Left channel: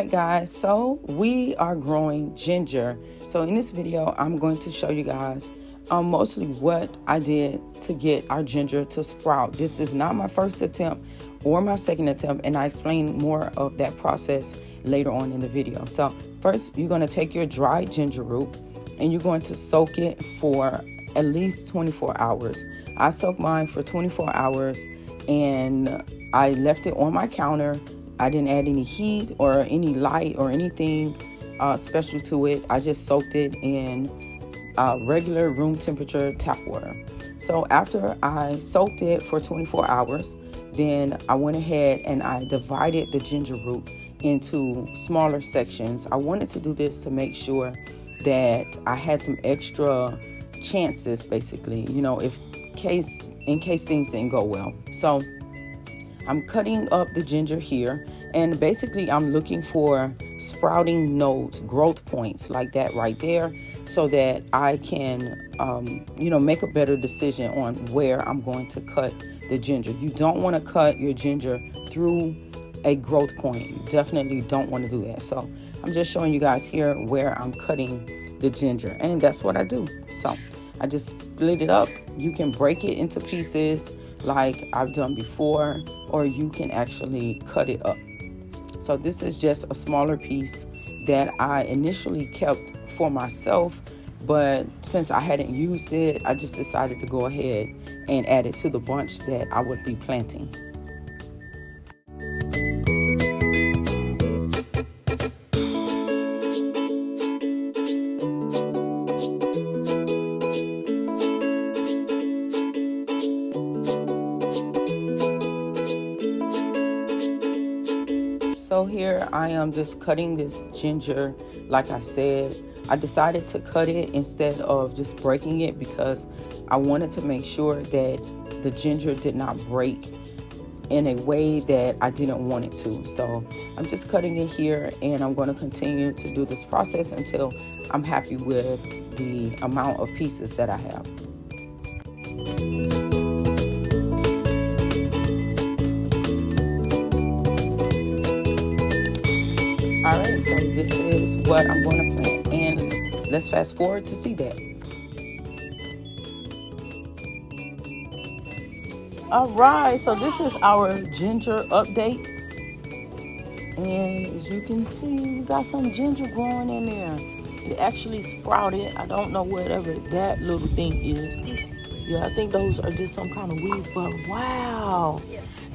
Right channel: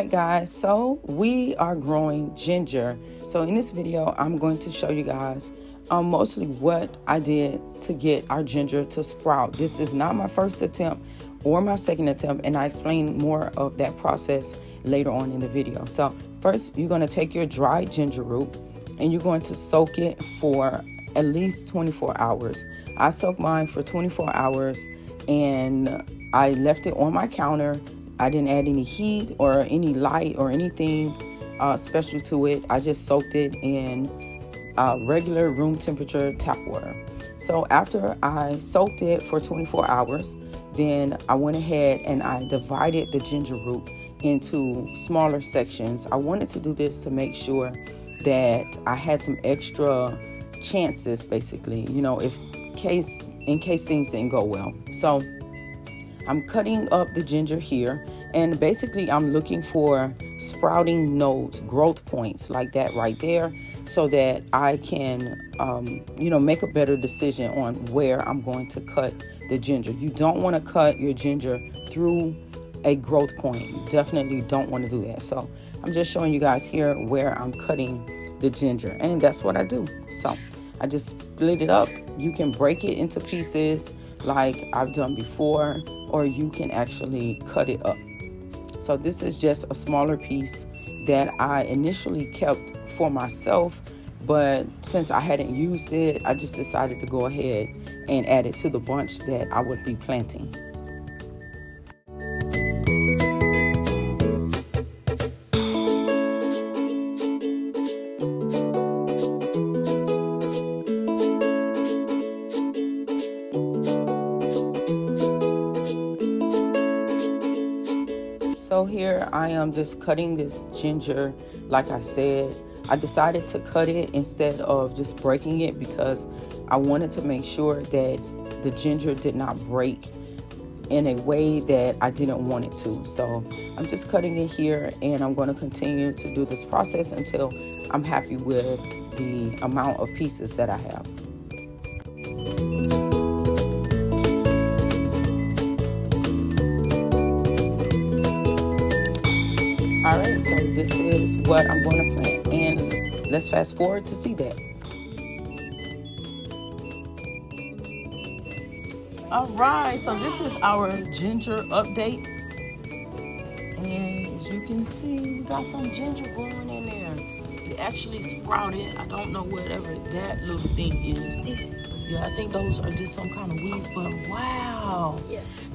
right, guys, so we are growing ginger. So in this video, I'm going to show you guys mostly what I did to get our ginger to sprout. This is not my first attempt or my second attempt, and I explain more of that process later on in the video. So first, you're going to take your dried ginger root and you're going to soak it for at least 24 hours. I soaked mine for 24 hours and I left it on my counter. I didn't add any heat or any light or anything special to it. I just soaked it in regular room temperature tap water. So after I soaked it for 24 hours, then I went ahead and I divided the ginger root into smaller sections. I wanted to do this to make sure that I had some extra chances, basically, you know, in case things didn't go well. So I'm cutting up the ginger here, and basically I'm looking for sprouting nodes, growth points like that right there, so that I can, make a better decision on where I'm going to cut the ginger. You don't want to cut your ginger through a growth point. You definitely don't want to do that. So I'm just showing you guys here where I'm cutting the ginger, and that's what I do. So I just split it up. You can break it into pieces like I've done before, or you can actually cut it up. So this is just a smaller piece that I initially kept for myself, but since I hadn't used it, I just decided to go ahead and add it to the bunch that I would be planting. So here I am just cutting this ginger. Like I said, I decided to cut it instead of just breaking it because I wanted to make sure that the ginger did not break in a way that I didn't want it to. So I'm just cutting it here, and I'm going to continue to do this process until I'm happy with the amount of pieces that I have. All right, so this is what I'm going to plant, and let's fast forward to see that. All right, so this is our ginger update, and as you can see, we got some ginger growing in there. It actually sprouted. I don't know whatever that little thing is. Yeah, I think those are just some kind of weeds, but wow,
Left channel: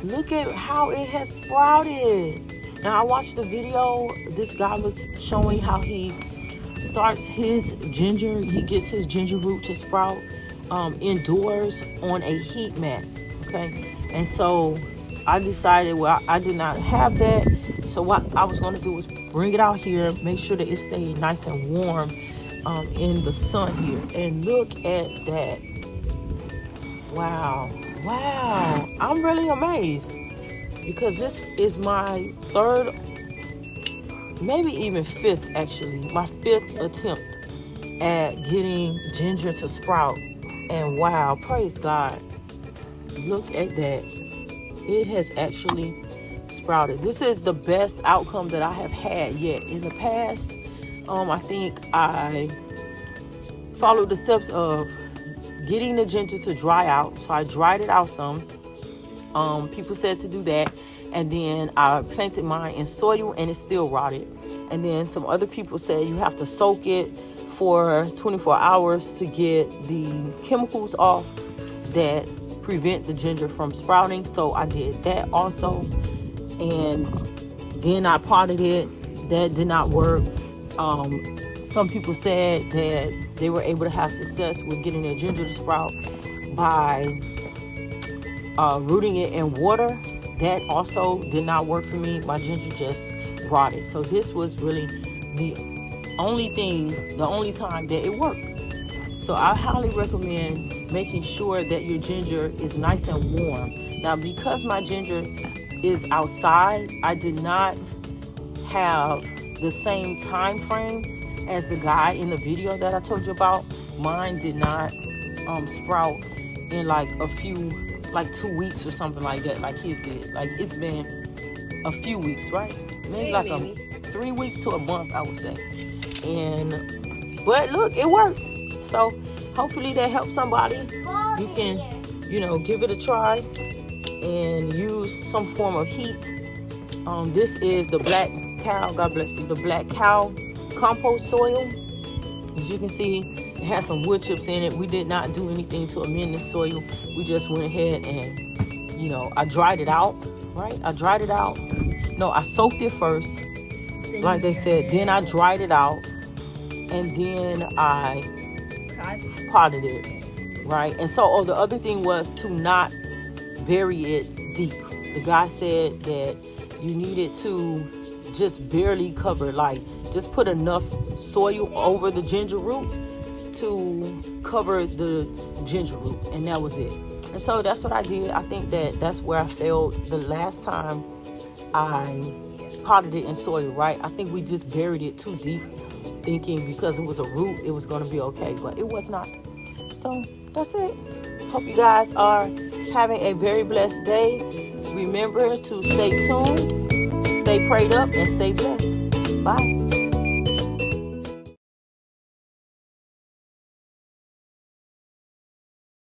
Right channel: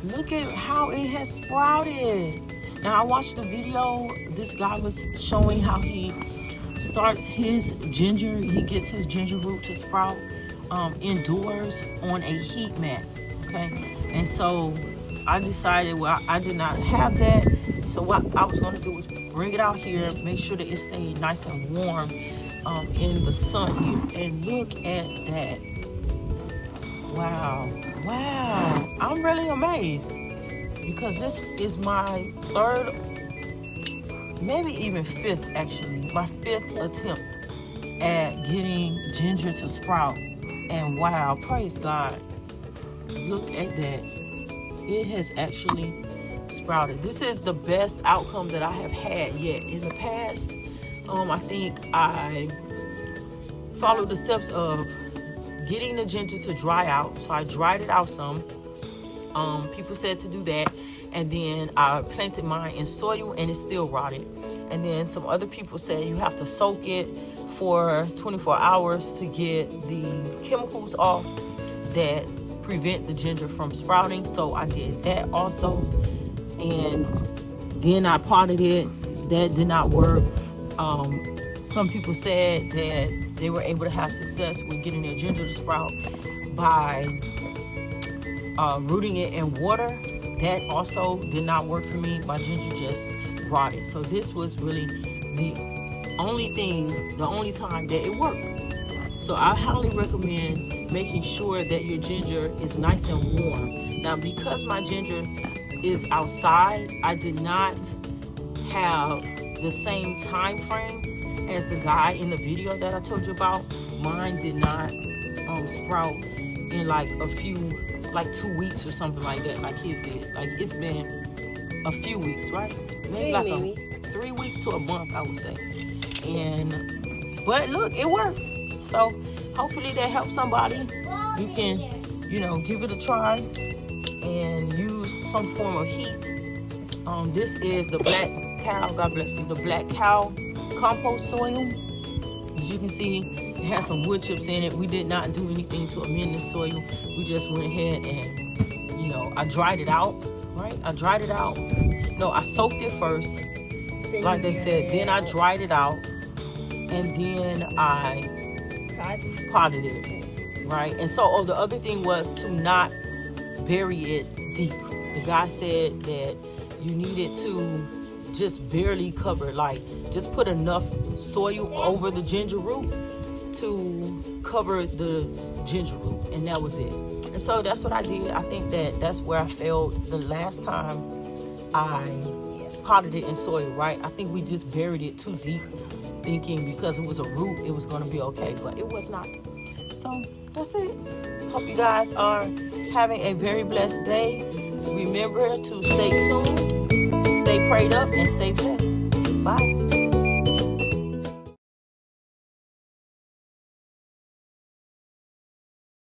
look at how it has sprouted. Now, I watched the video. This guy was showing how he starts his ginger. He gets his ginger root to sprout indoors on a heat mat. Okay, and so I decided, well, I did not have that. So what I was going to do was bring it out here, make sure that it stayed nice and warm in the sun here. And look at that! Wow! I'm really amazed, because this is my third, maybe even fifth, actually, my fifth attempt at getting ginger to sprout. And wow, praise God, look at that. It has actually sprouted. This is the best outcome that I have had yet. In the past, I think I followed the steps of getting the ginger to dry out. So I dried it out some. People said to do that, and then I planted mine in soil and it still rotted. And then some other people said you have to soak it for 24 hours to get the chemicals off that prevent the ginger from sprouting. So I did that also, and then I potted it. That did not work. Some people said that they were able to have success with getting their ginger to sprout by rooting it in water. That also did not work for me. My ginger just rotted. So this was really the only time that it worked. So I highly recommend making sure that your ginger is nice and warm. Now, because my ginger is outside, I did not have the same time frame as the guy in the video that I told you about. Mine did not sprout in like 2 weeks or something like that, like his did. Like, it's been a few weeks, right? Maybe like 3 weeks to a month, I would say. But look, it worked. So hopefully that helps somebody. You can, give it a try and use some form of heat. This is the Black Cow, God bless you, the Black Cow compost soil. As you can see, it has some wood chips in it. We did not do anything to amend the soil. We just went ahead and, I dried it out, right? I dried it out. No, I soaked it first, like they said. Then I dried it out, and then I potted it, right? And so, the other thing was to not bury it deep. The guy said that you needed to just barely cover, like just put enough soil over the ginger root to cover the ginger root, and that was it. And so that's what I did. I think that's where I failed the last time I potted it in soil, right? I think we just buried it too deep, thinking because it was a root it was going to be okay, but it was not. So that's it. Hope you guys are having a very blessed day. Remember to stay tuned, stay prayed up, and stay blessed.